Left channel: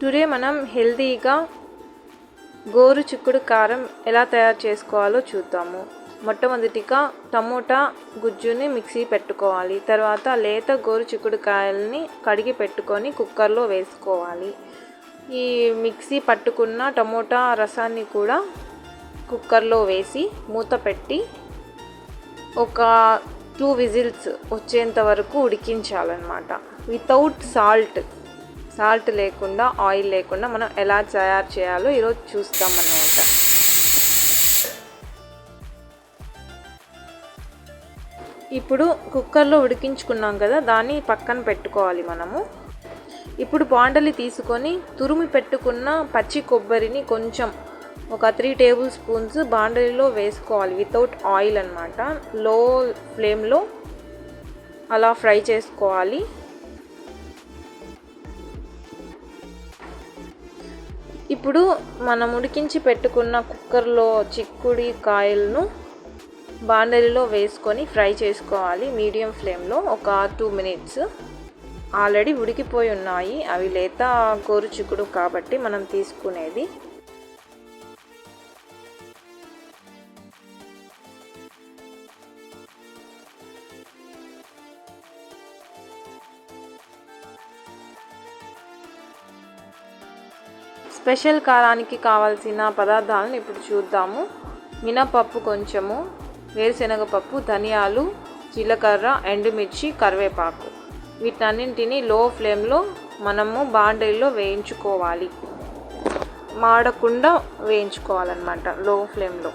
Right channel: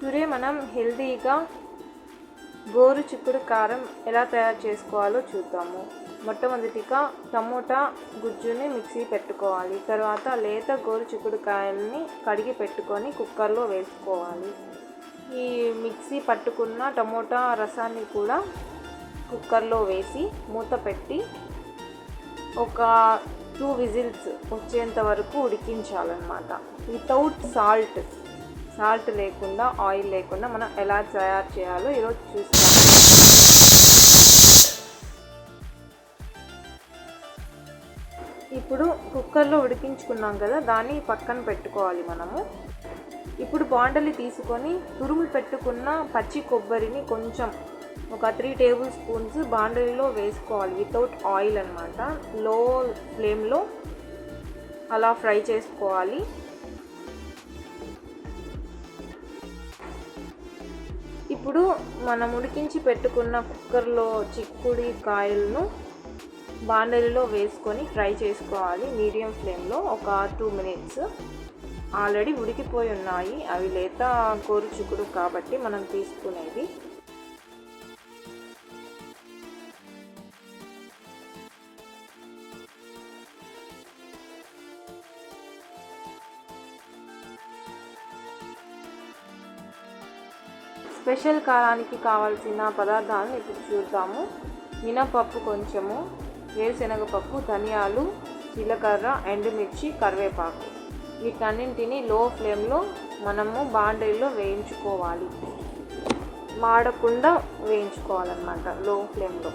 Today మనం హెల్తీగా గోరు చిక్కుడు కారం ఎలా తయారు చేసుకోవాలో చూద్దాము. మొట్టమొదటిగా టమోటా గుజ్జుని మిక్సీ పెట్టుకోవాలి. తర్వాత లేత గోరు చిక్కుడు కాయల్ని కడిగి పెట్టుకొని కుక్కర్లో వేసుకోవాలి. ఈ మిక్సీ పట్టుకున్న టమోటా రసాన్ని కూడా కుక్కర్లో వేసి మూత పెట్టి ఒక టూ విజిల్స్ వచ్చేంత వరకు ఉడికించాలన్నమాట. వితౌట్ సాల్ట్ సాల్ట్ లేకుండా ఆయిల్ లేకుండా మనం ఎలా తయారు చేయాలో ఈరోజు చూస్తాం. ఇప్పుడు కుక్కర్లో ఉడికించుకున్నాం కదా దాన్ని పక్కన పెట్టుకోవాలి మనము. ఇప్పుడు బాండలి తీసుకొని తురుమి పెట్టుకున్న పచ్చి కొబ్బరిని కొంచెం ఒక త్రీ టేబుల్ స్పూన్స్ బాండలిలో వేసుకోవాలి వితౌట్ ఆయిల్ అనమాట లో ఫ్లేమ్లో అలా ఫ్రై చేసుకోవాలి. ఇప్పుడు మనం ఉడికించి పెట్టుకున్న కుక్కర్లో చిక్కుడి కాయలను బాండలిలో వేసుకొని ఫ్రై చేసుకోవాలి. మీడియం ఫ్లేమ్లో ఒక టూ మినిట్స్. ఆల్రెడీ ఉడికిపోయి ఉన్నాయి. అవి లేత కోరు చిక్కుడు కాబట్టి మనం తీసుకునేది స్పెషల్ కారానికి కావాల్సిన పదార్థాలను ఇప్పుడు చూద్దాము. మినపప్పు కొంచెము వేరుశనగపప్పు ధనియాలు జీలకర్ర ఎండుమిర్చి కరివేపాకు. వీటన్నింటినీ లో ఫ్లేమ్లో మనము బాండీలో వేయించుకోవాలి. మాడకుండా వేయించుకోవాలన్నమాట లో ఫ్లేమ్లో.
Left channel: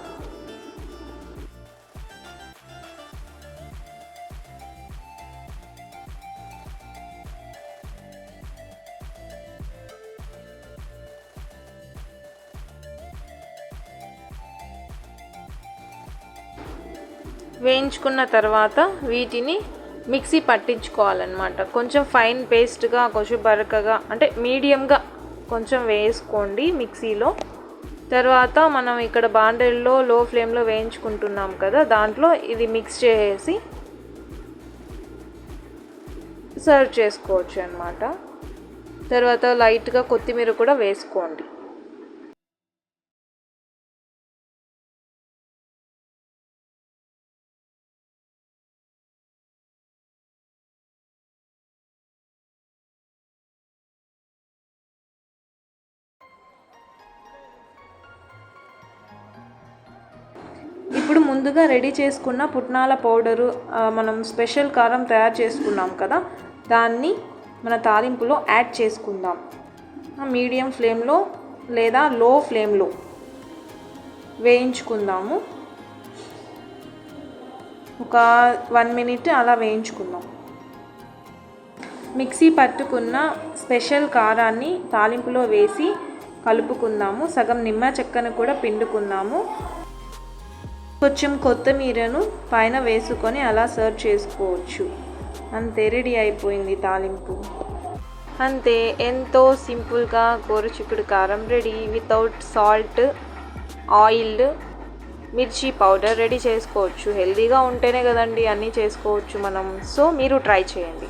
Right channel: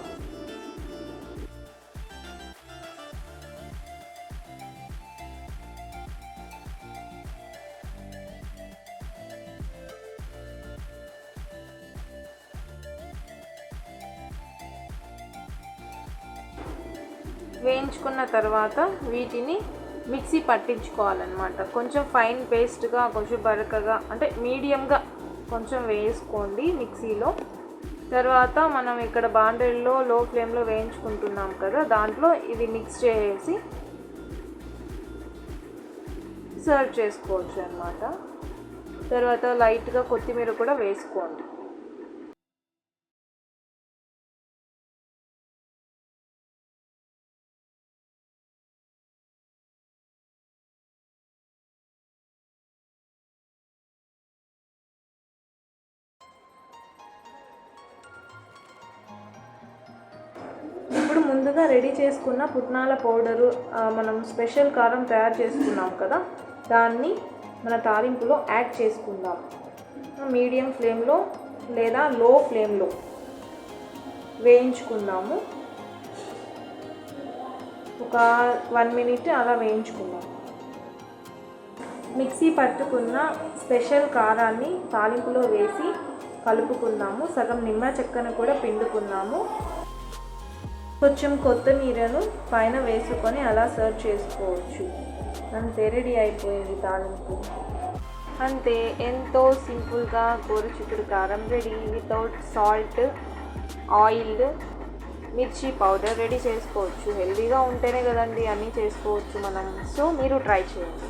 వేయించుకున్న తర్వాత వీటిని మిక్సీ పట్టించుకోవాలన్నమాట. కొంచెం ఫైన్ పేస్ట్గా కొంచెం బరకగా అంటే మీడియంగా కొంచెం వేసుకోండి మిక్సీలో. తర్వాత మనం ఇక్కడ బాండెల్లో లో ఫ్లేమ్లో వేయించుకుంటున్నాం కదా దాంట్లో ఇది మిక్స్ చేసి సర్వ్ చేసుకోవచ్చు అనమాట తర్వాత లైట్గా కొత్తిమీర కూడా వేసుకోండి. ఇప్పుడు ముందుగా రెడీ చేసుకున్న పుట్నాల పౌడరు మనం స్పెషల్ కారం తయారు చేసుకున్నాం కదా దాన్ని మన తాలింపులో యాడ్ చేసుకుందాం. మీడియం ఫ్లేమ్లో లేదా లో ఫ్లేమ్లో వేయించుకుందాము. ఒక వన్ మినిట్ అలా వేయించుకుందాం. మిక్సీ పట్టుకున్న స్పెషల్ కారాన్ని తాలింపులో వేసి కలుపుకుందాము. సగం నిమ్మ చెక్కను కూడా పిండుకుందాము. కొంచెం కొత్తిమీరను పైన వేసుకొని అలా సర్వ్ చేసుకోవచ్చు. అంతే రెడీ అయిపోయింది తాలింపు. అంతే ఎంతో సింపుల్గా చిక్కుడు కారం రెడీ. వితౌట్ సాల్ట్ ఆయిల్ మిర్చి పౌడర్ రెడీ చేసుకోవచ్చు. హెల్దీగా ఉంటేనే కదండి అన్నీ చేసుకోవచ్చు మనం. సో మీరు ట్రై చేయండి.